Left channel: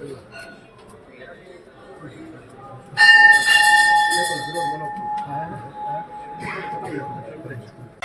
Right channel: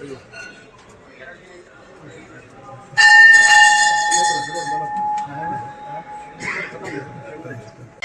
Thank you.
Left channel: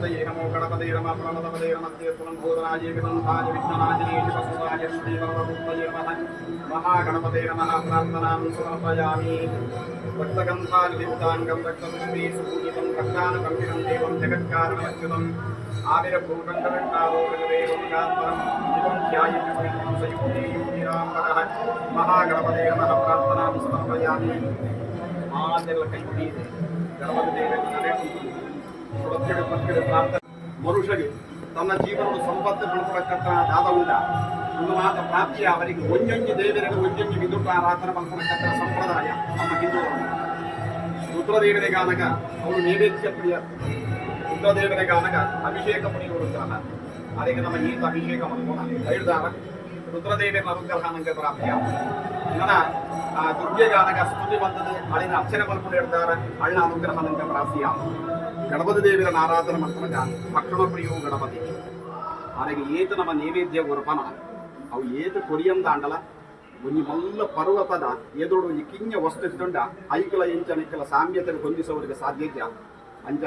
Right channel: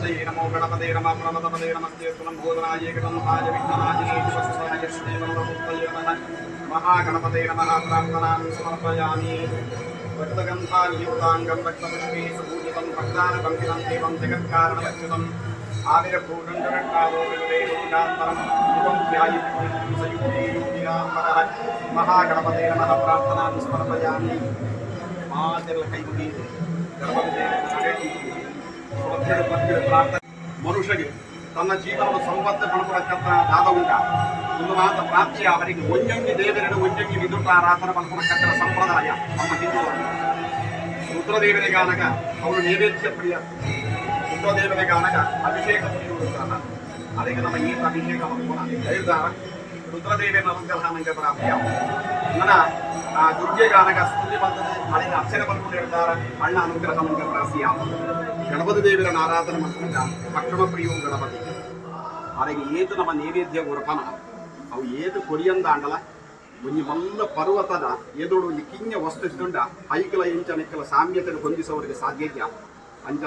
श्रीमदे नमो गणपदे नमः प्रमदपदे नमस्ते स्तुलं भोजनाय कृतन्ताय विघ्नाय वसुदाय श्रीवरदुत्तये नमः महागणपते नमः प्रार्थनां समर्पयामि भक्तगन्धाल्युक्ताङ्गं भक्तपुष्पे सुपूजितं भक्तानुकं विरं देवं जगत्कारणमच्युतम् आविरभूषण्डगण्डादोरवेगुण्डान्तरं युगं ध्यायितं सयुक्ते योगिराम्बरः महागणपते नमः प्रार्थनां समर्पयामि मातिर्कैकी गणपते ಗಣಪತಿ ಭಕ್ತಿಯ ಪ್ರಾರ್ಥನೆ. ಮನುಷ್ಯಗೆ ತನ್ನ ಜೀವನದ ಸಂಪತ್ತು ಪಡ್ಕೊಳಕ್ಕಂತ ದಾದ ಉಂಟ ಒಂದು ಮಾತ ಪ್ರಾಪ್ತಿ ಅವರಿಗೆ ಒಂಜಂಗಿ ದೇವರನ್ನು ಒಂಜಂಗಿ ವಿದುಟ ಆರಾಧನೆ ಪಡ್ಕೊಳಕ್ಕಂತ ಸಂಪ್ರದಾಯ ನಮ್ಮ ಹಿಂದೂಗಳು. ರುದ್ರದೇವನಿಗೆ ಆನಗ ಅವರು ನೈವೇದ್ಯ ಪ್ರಿಯ ರುದ್ರದೇವನಿಗೆ ಆನಗ ಅಭಿಷೇಕ ಪ್ರಿಯರುತ್ತಾರ ಅದಕ್ಕೆ ನಮ್ಮ ಈತ ಅಭಿಷೇಕ ಮಾಡ್ಕೋಣ ಹೇಳ್ದಾರ ರುದ್ರದೇವಿಯ ನಂಗೆ ಪ್ರಾಪ್ತಿಯ ನನ್ನ ಆ ದುರ್ಗೆಗೆ ಆನಗ ಸ್ತುತಿ ಬಂದದೆ ಅಲ್ಲಿನ ಅರ್ಚನೆ ಬರ್ಕೊಂಡು ಹೇಳ್ತಾರೆ, ಅಣ್ಣ ಅನುಗ್ರಹ ನಂಗೆ ಪ್ರಾಪ್ತಿಯ ಗಣಪತಿ ದೇವಿಯ ಆರಾಧನೆ ಮಾಡ್ಕೊಂಡ ಭಕ್ಷಣ ಪ್ರಿಯವು ಗಣಪತಿ. ಅದಕ್ಕೆ ಏತು ನಮ್ಮ ನೈವೇದ್ಯ ಉರಪನ ಅವು ಏತು ಕೊರಿಯಂದ ಅಂಡಲ ಒಂಜಿ ಮಲ್ಲ ಪರ್ವತದ ಎದುರು ಒಂಜಿ ಕಿಂಜ ವಸ್ತು ಇದ್ದುಂಡ ಐಕಲ ಇಂಚನಿಕ್ಕಲ ಸಾಮ್ಯತೆಯನ್ನು ಹೊಂದಿಸೋರಿಗೆ ಸಾಧ್ಯ ಅಂಜ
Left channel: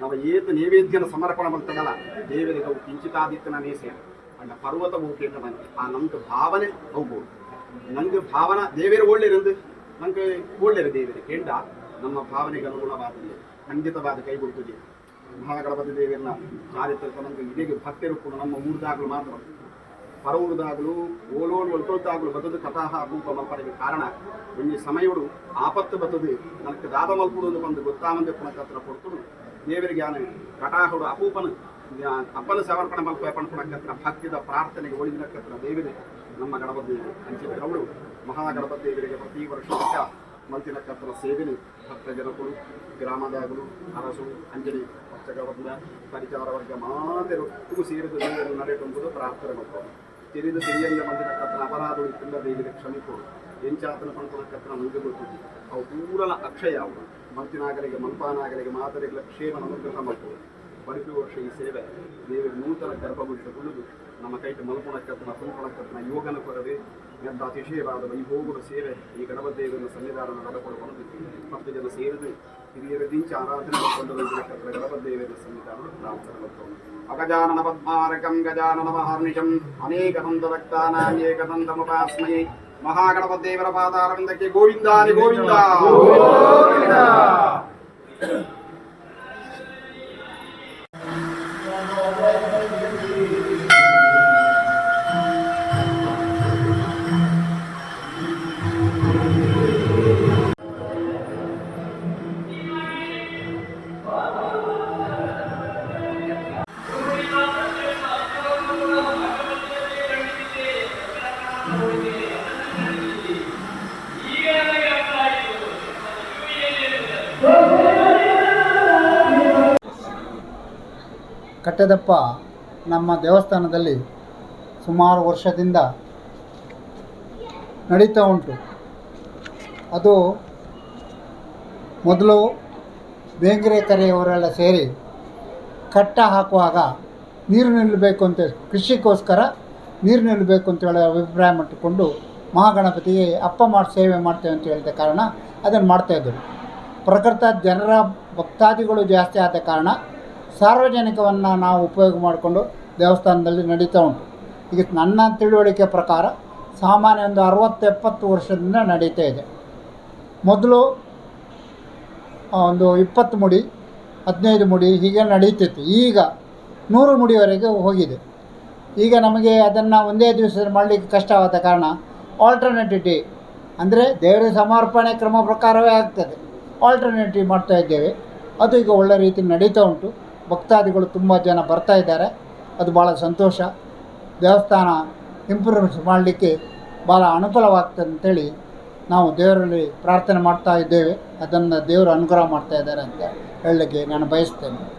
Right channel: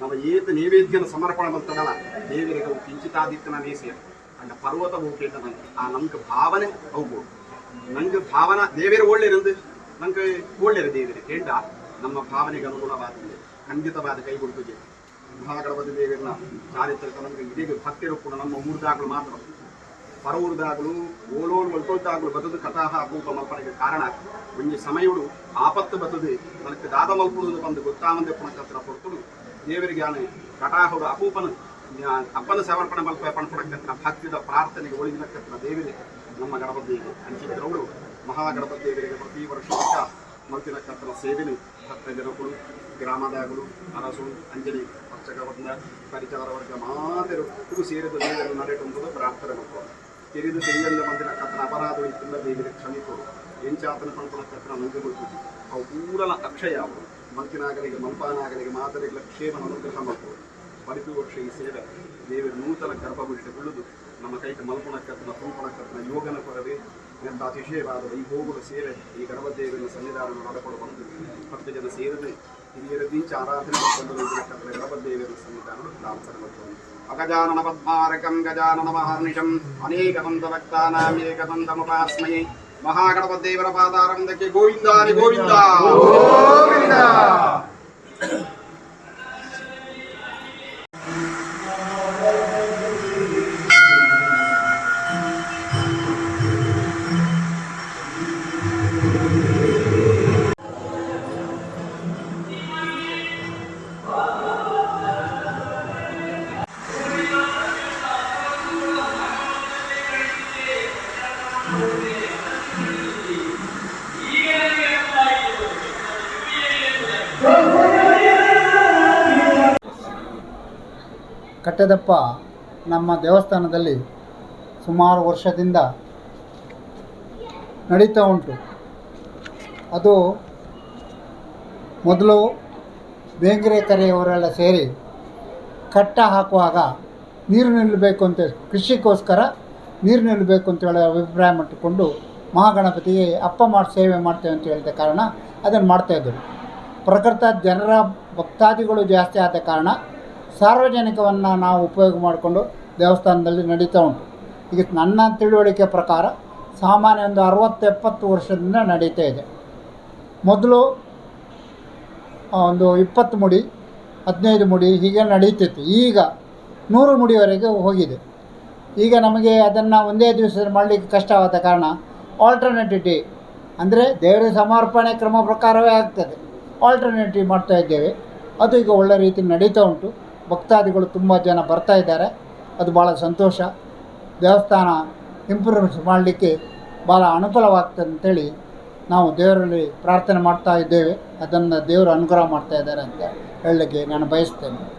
ನಮ್ಮ ಏತ ನೈವೇದ್ಯನ ಸಮರ್ಪಣ ಮಾಡ್ತದಲ್ಲ ದೇವರಿಗೆ ಅವು ಕಿಂಚಿತಾದಿತ್ತನ ನೇಸಿಯ ಅಂಡ ಪರ್ವತ ಹೋಗ್ಬೇಕ ನಂಗೆ ಆ ನಮ್ಗೆ ಭಾವನೆ ಹೋಗ್ಬೋದು ನಂಗೆ ಭಾವನ ದೇವರ ಒಳ್ಳೆಯರಂದು ನಂಗೆ ಒಳ್ಳೆಯರು ದೇವರೇ ಕೇಂದ್ರ ನಮ್ಮ ಭಾವನೆಗೆ ಅನುಗುಣವಾದ ಖಂಡಿತವಾದ ಕೈ ಕೊಡ್ತದೆ ಮಹಾಗಣಪತಿ ದೇವರನ್ನ ಚಾರಿತ್ರ ನಮಗೆ ಇದೇ ಭಕ್ತರು ಕೂಡ ನಮ್ಮ ಊರ್ದಾಗಲು ಮಾತ್ರ ಪರವೂರ್ದಾಗಲು ಓಲೋಳು ಒಲ್ಕೊಳ್ತಾಗಲು ಬದದು ಕಥಾಹ ಮಲ್ಪನೆಗೆ ಕಾರಣ ಒಂಜಿ ಸಮಯಗಳು ಆಪತ್ತು ಬತ್ತದೆ ನನಗೆ ದಾದ ಮಲ್ಪುಡು ಬಂದು ಗೊತ್ತಾಮಂದೆ ಪುಣಕತ್ರ ಕೊಡ್ತು ದೇವರಿಗೆ ಆನೆ ಕಟಾಹುಡು ಅಪೂಪನು ಅಪ್ಪನ ಸಮರ್ಪಣೆ ಮಲ್ಪ ಭಕ್ತಿಯ ಭಕ್ತಿದ ಪ್ರಾರ್ಥನೆಗೆ ಒಳಗಿನಕತ್ರ ದೇವರೇ, ನಮ್ಮ ಗಣಪತಿ ಅಂಚಿದ್ರವಳು ಮಹಾಗಣಪತಿ ದೇವರಿಗೆ ಪ್ರತಿ ವರ್ಷ ಮಲ್ತಿನಕತ್ರ ಸೇವೆನೆ. ಭಕ್ತ ಜನಗಳು ಗ್ರಾಮದಾಗಲು, ಅರಸು, ಅಂಜಲಿ ವರ್ಗ ಪರಿಚಾರ ವರ್ಗ ಇವು ಸೇರಿದ ದೇವರು ನಡೆಯುವಂಥದ್ದು ಪ್ರಾರ್ಥನೆ ಮಾಡ್ಕೊಂಡು ತಿರಿದು ತಿಳಿಯಲ್ಲ ಮಂದಿರ ಕತ್ತನ ಅಪರಾಧ ಇತ್ತಿಲ್ಲ ದೇವಿಗೆ ಕ್ಷಮಿಕೊಡು ಎಂಚಾತನ ಪಣಪಣ ಕತ್ತನ ನಂಗೆ ಗೊತ್ತಿದ್ದು ಅವು ಪೂರಲ ಅಕ್ಷಯ ಅವರು ಮಂತಿನಾಗಲಿಗೆ ಮಂಪಾನಾಗಲಿಗೆ ಮಾತರಿಗಳ ಕ್ಷೇಮನ ಅನುಗ್ರಹ ಮಾಡ್ಕೊಡು ಬಡಿಪಿ ವರ್ಷ ಈ ಸೇವೆ ದೇವರು ನೂತನ ಗರ್ಭಗುಡಿಗೆ ಉಳಿದು ನಮ್ಮ ಕೈಟ ಮಲ್ಪಣಕ್ಕತ್ತನ ತುಂಪಣಕ್ಕತ್ತನ ಯೋಗನ ಕೊರವೆ ಎಂಥ ಅತಿಶಯವಾದ ವೈಭೋಗುಡ ಸೇವೆ ಈ ಗಣಪತಿ ದೇವರ ಸನ್ನಿಧಾನ ನಡೆಕೊಂಡು ಬಂದು ಹತ್ತು ಜನ ಸೇರಿದೆ ಹಿರಿಯರ ದಿಂಚ ಆರಾಧನೆ ಕತ್ರ ದೇವರ ಸನ್ನಿಧಾನ ನಾವು ತರಬಹುದು ಅಗಜಾನನ ಪದ್ಮಾರಕಂ, ಗಜಾನನ ಮಹಾರ್ನಿಶಂ ಬಂದ ಭಕ್ತಾನಾಂ ಏಕದಂತಮುಪಾಸ್ಮಯೇ ಮಹಾಗಣಪದೇವರ ಪಾದಾರಂದಕ್ಕೆ ಗೋವಿಂದಾನಿ ಗೋವಿಂದ. ಕಟ್ಟೆದಪ್ಪ ನಮ್ಮ ದೇವಸ್ಥಾನದಲ್ಲಿ ಸುಮಾರು ವರ್ಷದಿಂದ ನಡೀತಾ ಉಂಟು. ಅದು ಮೊದಲು ಬೇಂಗರೆ ಕರೆಯವರೆಲ್ಲ ಸೇರಿ ಕಟ್ಟ ಹಾಕುವಾಗ ನೀರು ನಿಲ್ಲಬೇಕು ಅಂತ ಕೃಷಿಗೋಸ್ಕರ ನೀರು ನಿಲ್ಲಬೇಕು ಅಂತ ಹೇಳಿ ಅಭಿಪ್ರಾಯ ಮಾಡಿಕೊಂಡು ಮಹಾಗಣಪತಿಗೆ ಅಪ್ಪ ಮಾಡಿ ಸೇವೆ ಮಾಡ್ತೇವೆ ಅಂತ ಹೇಳಿದ ಕಾರಣ ಅದನ್ನು ಮಾಡ್ತಾಯಿದ್ದರು ಪ್ರಕೃತ ಜನರ ಭಕ್ತಾದಿಗಳು ಜಾಸ್ತಿ ಆದ ಕಾರಣ ಸಾರ್ವಜನಿಕವನ್ನು ನಾವು ಉಪಯೋಗ ಮಾಡಿಕೊಂಡು ದೇವಸ್ಥಾನದಲ್ಲಿ ನಡೀತಾ ಉಂಟು. ಈಗ ನನ್ನ ತಿಳುವಳಿಕೆ ಪ್ರಕಾರ ಸಾಮಾನ್ಯ ಒಂದು ಅರವತ್ತು ಎಪ್ಪತ್ತು ವರ್ಷದಿಂದ ನಡೀತಾ ಇದೆ. ಮೊದಲು ಒಂದು ಇಪ್ಪತ್ತು ಮುಡಿ, ಹದಿನೈದು ಮುಡಿ ಹೀಗೆ ನಡೀತಿತ್ತು. ಈಗ ನೂರು ಮುಡಿವರೆಗೆ ಹೋಗಿದೆ. ಈಗ ನಮಗೆ ಅದನ್ನು ಒಂದೇ ದಿವಸದಲ್ಲಿ ಮಾಡಲಿಕ್ಕೆ ಕಷ್ಟವಾದ ಕಾರಣ ಆಲ್ಟರ್ನೇಟಿವ್ ಡೇ ಅಂದರೆ ದೇವರ ಸಮರ್ಪಣೆ ಕ್ರಮ ಪ್ರಕಾರವೇ ಆಗ್ತದೆ. ಆಲ್ಟರ್ನೇಟಿವ್ ಮಾಡ್ತಾ ಇದ್ದೇವೆ. ಅದು ಈಗ ಒಳ್ಳೆ ರೀತಿ ನಡೀತಾ ಉಂಟು. ಭಕ್ತಾದಿಗಳು ತುಂಬ ಜನ ಬರ್ತಾ ಇದ್ದಾರೆ. ಅದು ಭಾಳ ಸಂತೋಷ. ದೇವಸ್ಥಾನ ಇಂಪ್ರೂವ್ಮೆಂಟ್ಸ್ ಮಾಡಲಿಕ್ಕೆ ಭಾಳ ಅನುಕೂಲವಾಗ್ತದೆ ಅಂತೇಳಿ ನಾವು ದೇವರಲ್ಲಿ ಪ್ರಾರ್ಥನೆ ಮಾಡ್ತಾ ಇದ್ದೇವೆ. ಅದನ್ನು ದೇವರು ಅನುಗ್ರಹ ಮಾಡ್ತಾ ಇದ್ದಾರೆ ಅಂತ ಹೇಳಲಿಕ್ಕೆ ನಾನು ಬಯಸ್ತೇನೆ.